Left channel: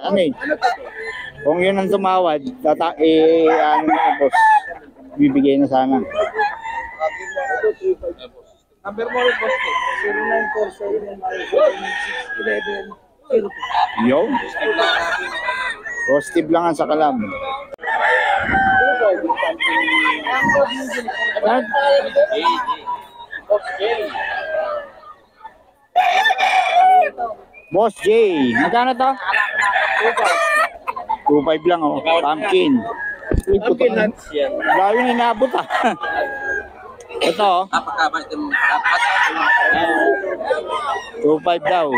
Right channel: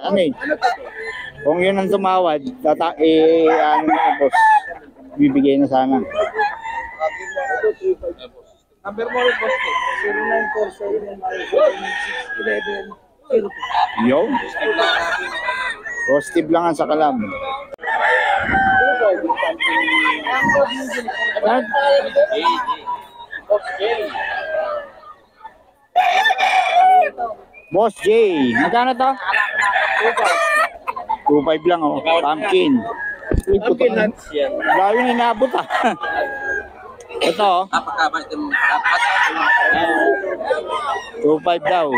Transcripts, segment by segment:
Ano eh? Kung yun ang tumawad, ano na boss, bibigay na sana. Number mo rin, boss. 0947-611-0. Yo. Positive lang ang sakalam. Boss J, magkano to? 2.5 lang oh, pumpkin. Pumpkin nuts yan. Layo na inabot ah. Ito oh. 2.5 daw.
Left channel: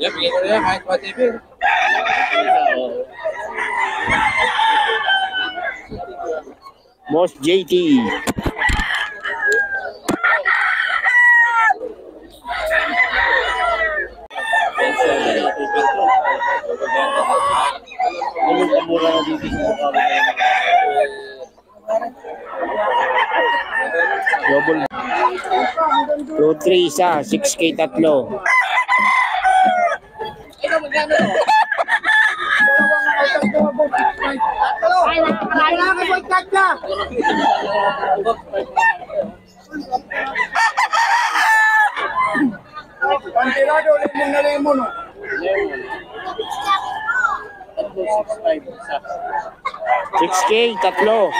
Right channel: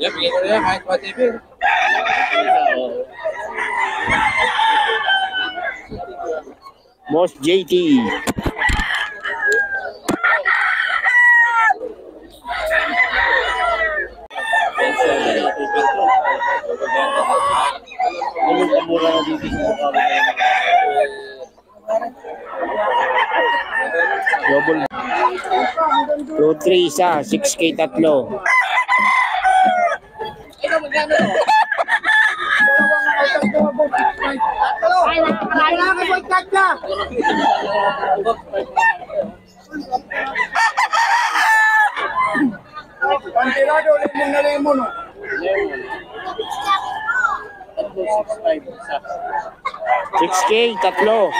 Yeah, bigyan ko na yan kahit pa-TV. Boss JT. Double 2-3 isa, 6K tatlo. Pantirado, lemon na lemon. 6K tatlo.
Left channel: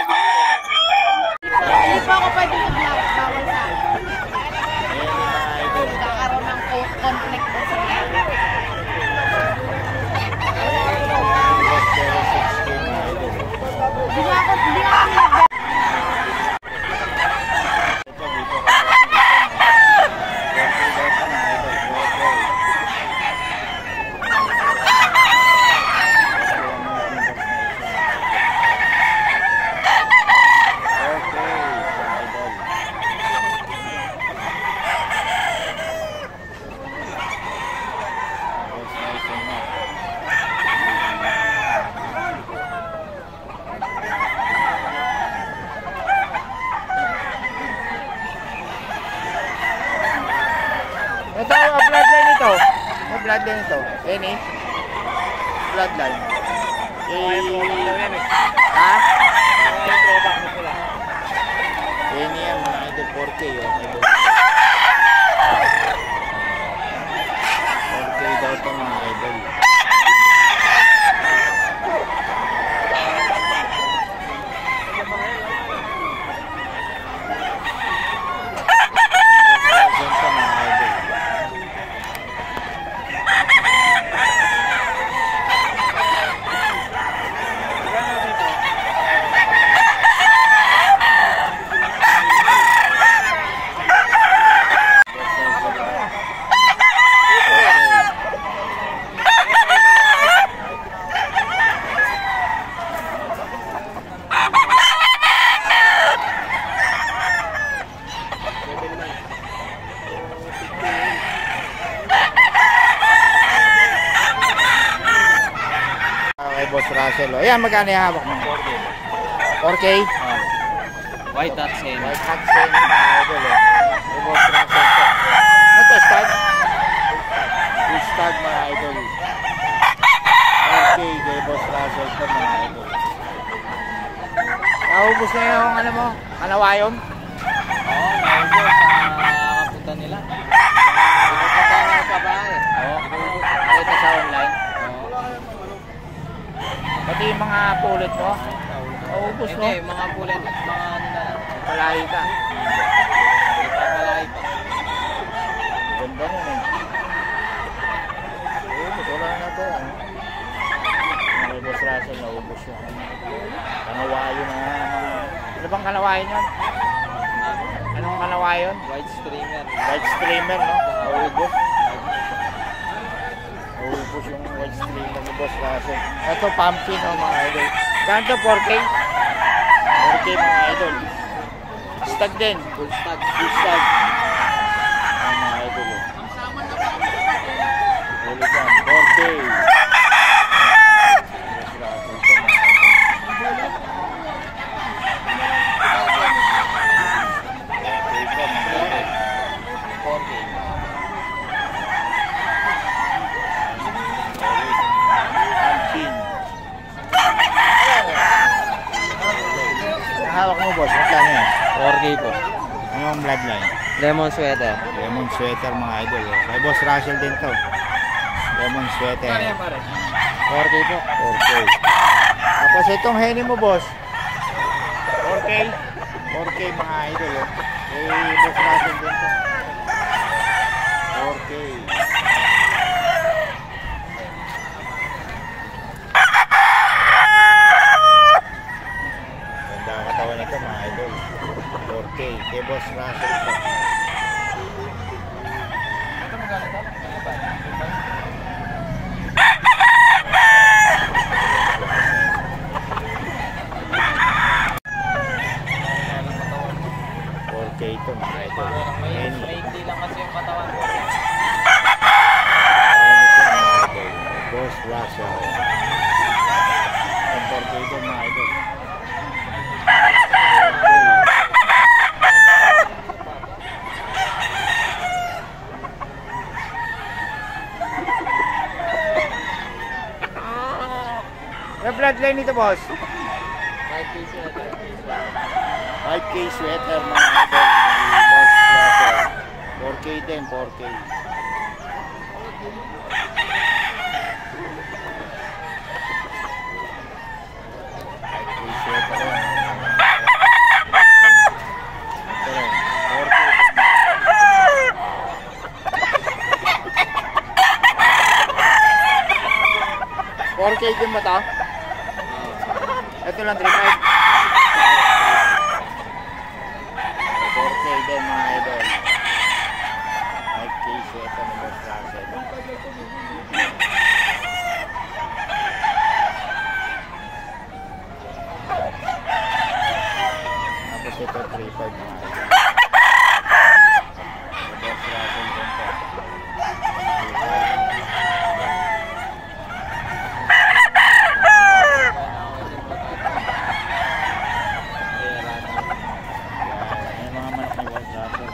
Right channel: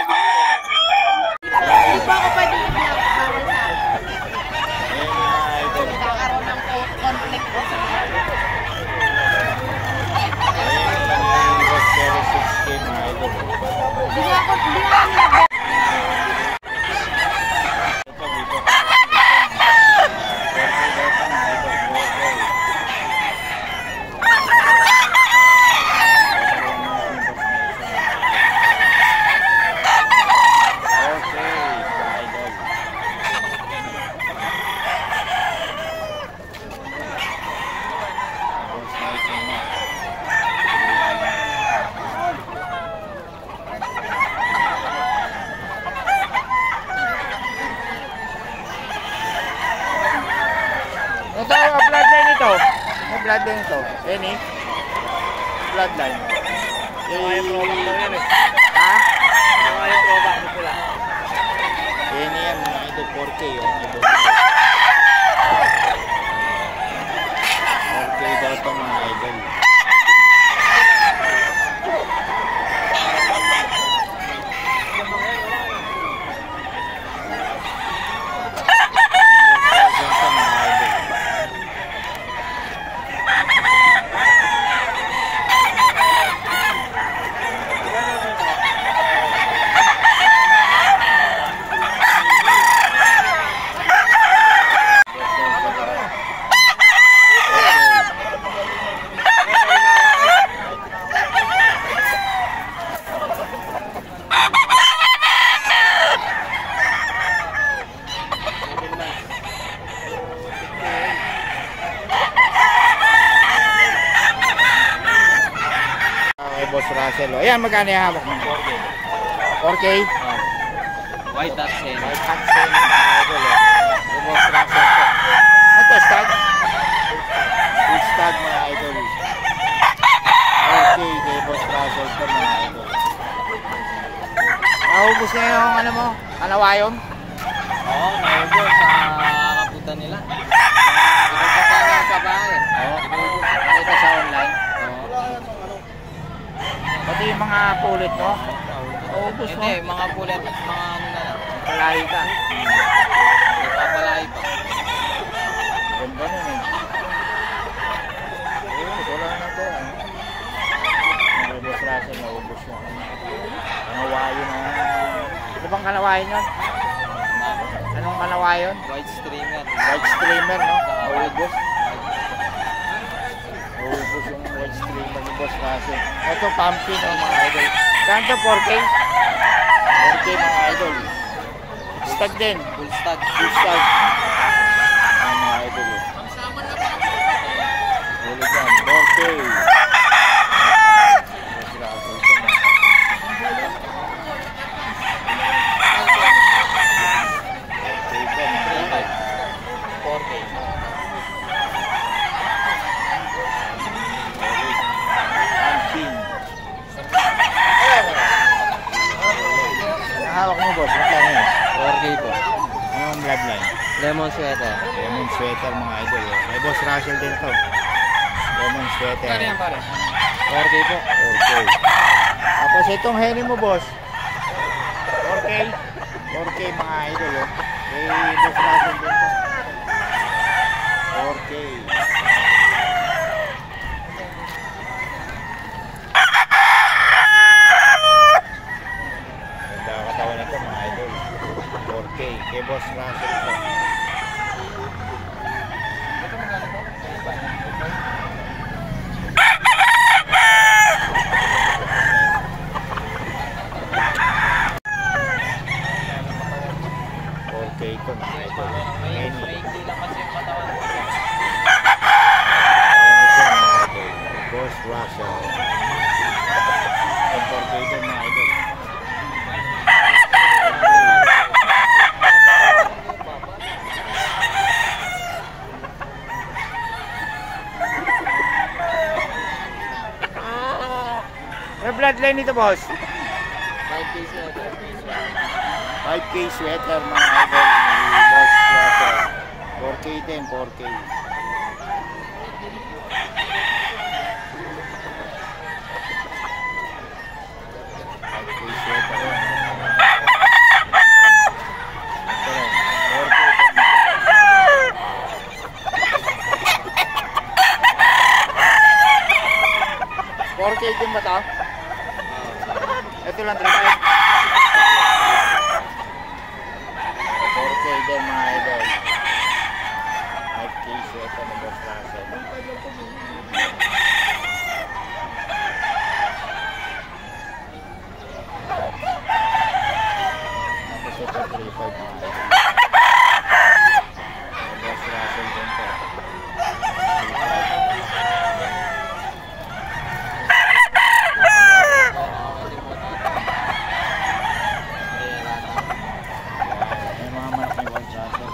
Ito, bloodline ito. Yung bloodline ito. Any? Bloodline. Ha? Yung throwback mo pula. Any yan mga idol 4K oh. 4K daw ito mga idol. Boss Russell. Ayan, magkano yung hawak mo? 4K. 4K? White hat same. White hat same mga idol oh. Yung Boss Russell to. Ano to, stag? Full stag mga idol. 4K kay Boss Russell to mga idol. Naubos na yung ano mo? Kanawayon? Oo, naubos sa kapunta nila. Kapunta nga sa bahay. Oo. Nakita sa online. Pati yung mga pulit no? Naubos no? Hindi, mga pulit, mga ano na lang. Palahi ka. Papalahi pa. Ganda nun eh. Naubos, wala na to. May Boss Russell, naubos yung kanawayo na. Ano bang kanawayo yun? Anong kanawayo yun? White streamer. White streamer no? Naubos. Naubos yung white streamer ni Boss Russell. Ito pumpkin no mga idol. Saan to? 4K? 4K mga idol. Stag din. Full stag. Full stag. Ayan mga idol oh. Ulit yan. 4K. Boss Russell to mga idol. 4K to mga idol. 4K. 4K po. Anong bloodline? Lemon sweater. Lemon sweater mga idol. May Boss Russell din to. Lemon sweater. 4K po. 4K. Tapos itong henny mo, boss. 4K. 4K mga idol. Oh. Boss Russell din to. 4K. Ganda ang katawan nito mga idol. 4K. Kay Boss Russell to. Ito mga idol. Maikli lang kasi yung katawan ko. Ayan ito mga idol. Boss Russell. Ang 4K ito mga idol. May bloodline nito, boss? 5K sweater mga idol ni Boss Russell. 4K din, 4K. Sweater rin. Ito rin, 4K din. 4K din ba ito? Ito lang, 3.5. 4K din mga idol. 5K sweater ni Boss Russell. Tapos ito 3.5 mga idol. Boss Russell din to. 3.5.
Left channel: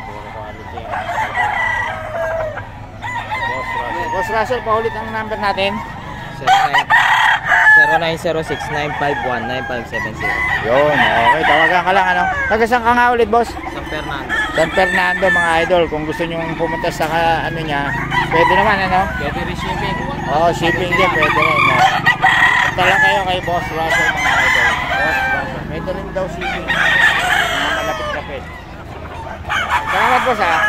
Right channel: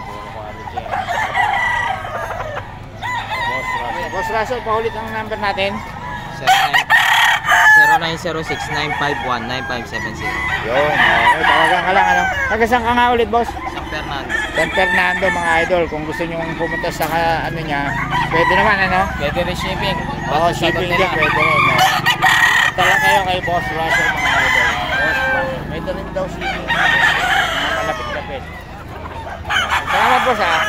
Puro quality yan. Boss Russell. Boss Russell, paulit ang number natin. 0906-951-9570. Yun, okay. Talagang ka lang, ano. Nagasan ka nga ulit, boss? San Fernando. San Fernando, mga idol. Kung gusto nyo pumunta sa ano niya, pwede naman, ano? Pwede rin shipping. Oo, shipping din, pwede rin. Punta lang kayo kay Boss Russell, mga idol. Boss Russell. Pwede rin daw shipping. Mga malapit-lapit. Salamat po sa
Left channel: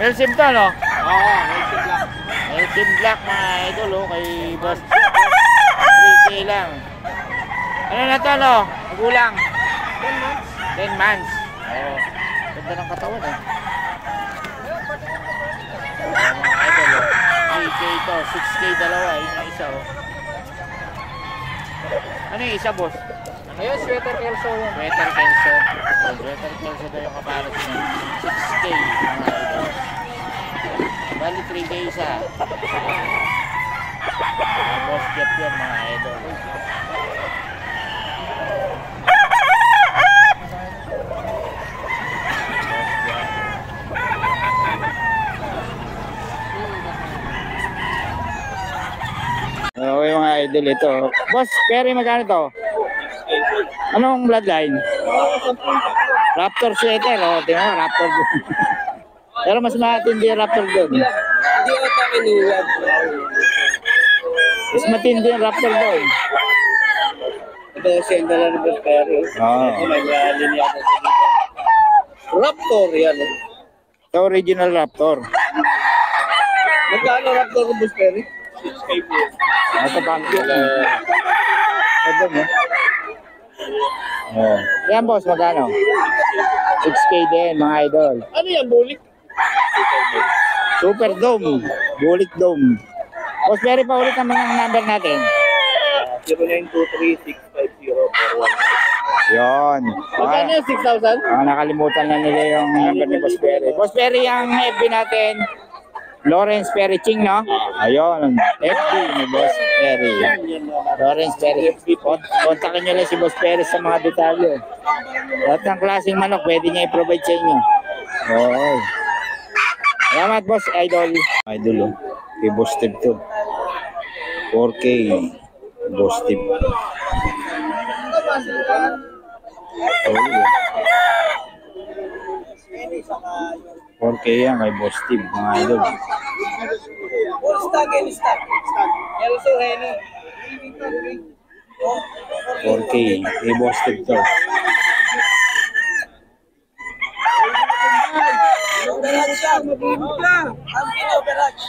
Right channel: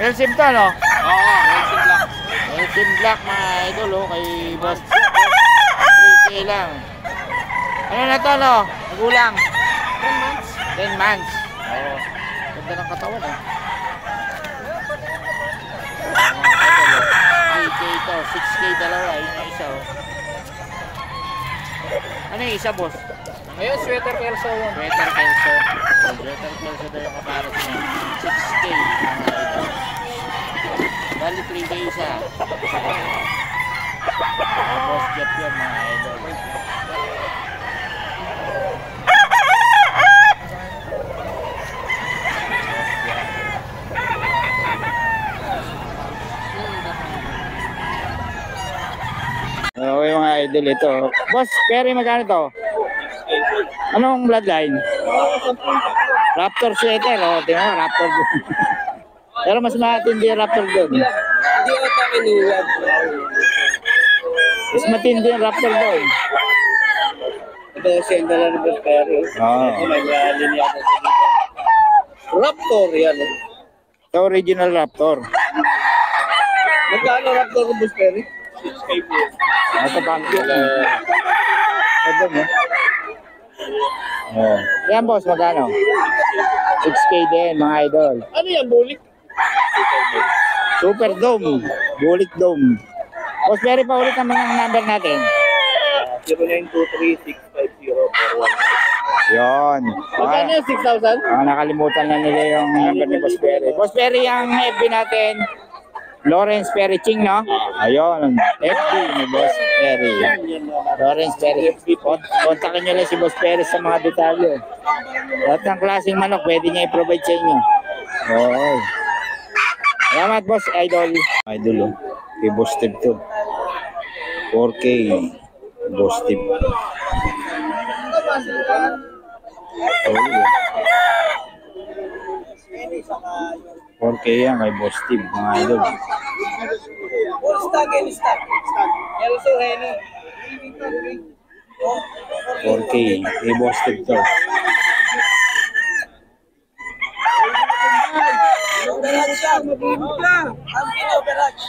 Melsim to, no? Oo, Melsim Black. Melsim Black mga idol, oh, kay Boss 3K lang. Ano na to, no? Magulang 10 months. Oo, ganda ng katawan, eh. Mga idol, oh. 3K to, 6K dalawa, yun yung isa, oh. Ano yung isa, boss? Ngayon, sweater kelso. Sweater kelso. Sweater kelso daw yung kapalit niya. 6K mga idol. Bali 3K isa. Boss Jeff yan mga idol. Okay mga idol, ito. Boss, Perry, magkano to? Anong bloodline? Raptor sweater, oh, di ba? Raptor doon. Pero mas matindi yung Raptor doon. Hindi ata kinuwag. Mas matindi yung Raptor doon. Ito kasi ang dala ng Perry. Oo. Ito may linyata sa dito. Raptor yan. Ito original Raptor. Magkano Raptor ng Perry? 6K po. Ito pang ito mo. Oh. Yan boss, magkano? 6K din mga idol. Ano yan, bulik? Super Dome. Bulik Dome. Boss, Perry, pa ulit naman ang number natin. 0923-650-416. Yun. Magkano yung 6,000? Nakalimutan na nila yung number ni Boss Perry. Boss Perry, ang FB natin, Lawrence Perry Ching, no? Ayun, FB ni Boss Perry. Lawrence Perry. Kontakin nyo lang si Boss Perry sa mga detalye. Lahat ng klaseng manok, pwede niya i-provide sa inyo. Oo. Salamat, Boss Idol. Idol, oh. Kay Boss Steve to. 4K. Boss Steve. Oh, yeah. 4K yan kay Boss Steve, mga idol. Full stock and stock. Also, Henny. 4K, kay Boss Steve to. Garage siya. Ang kilo, garage.